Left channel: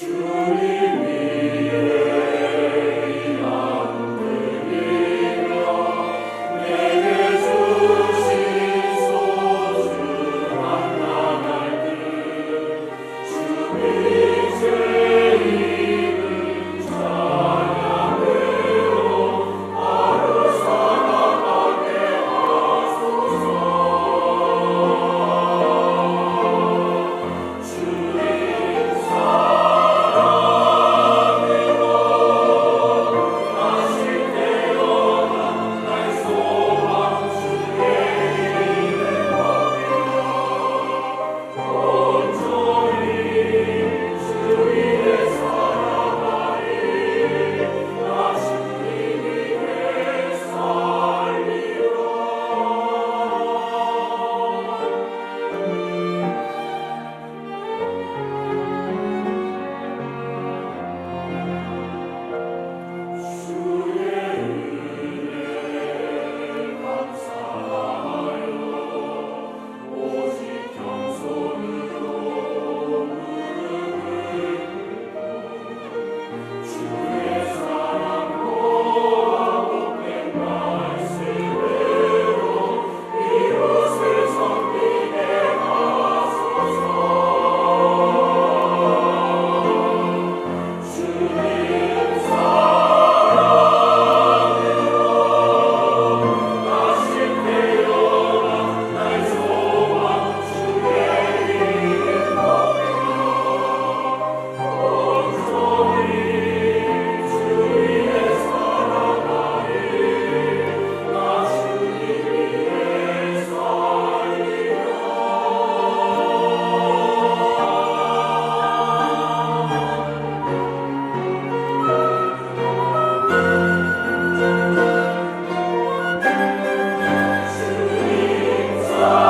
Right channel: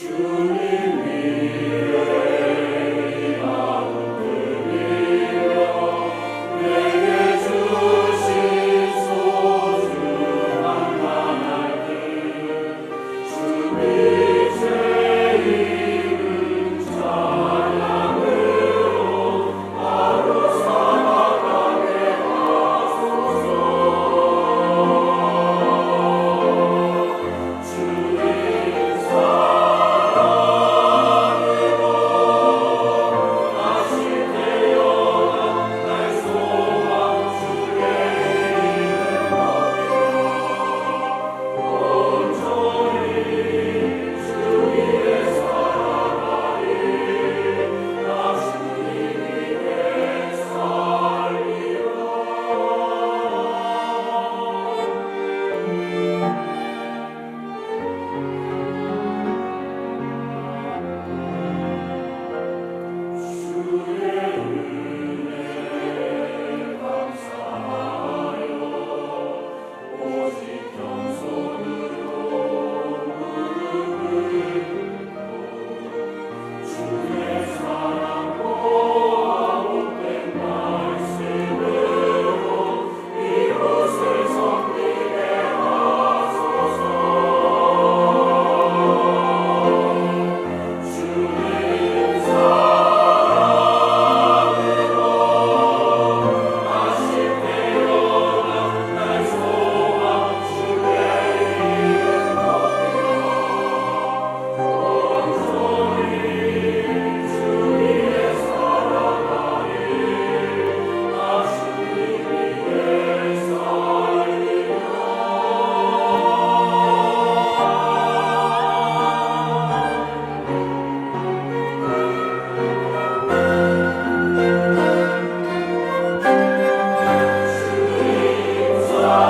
You. Oh.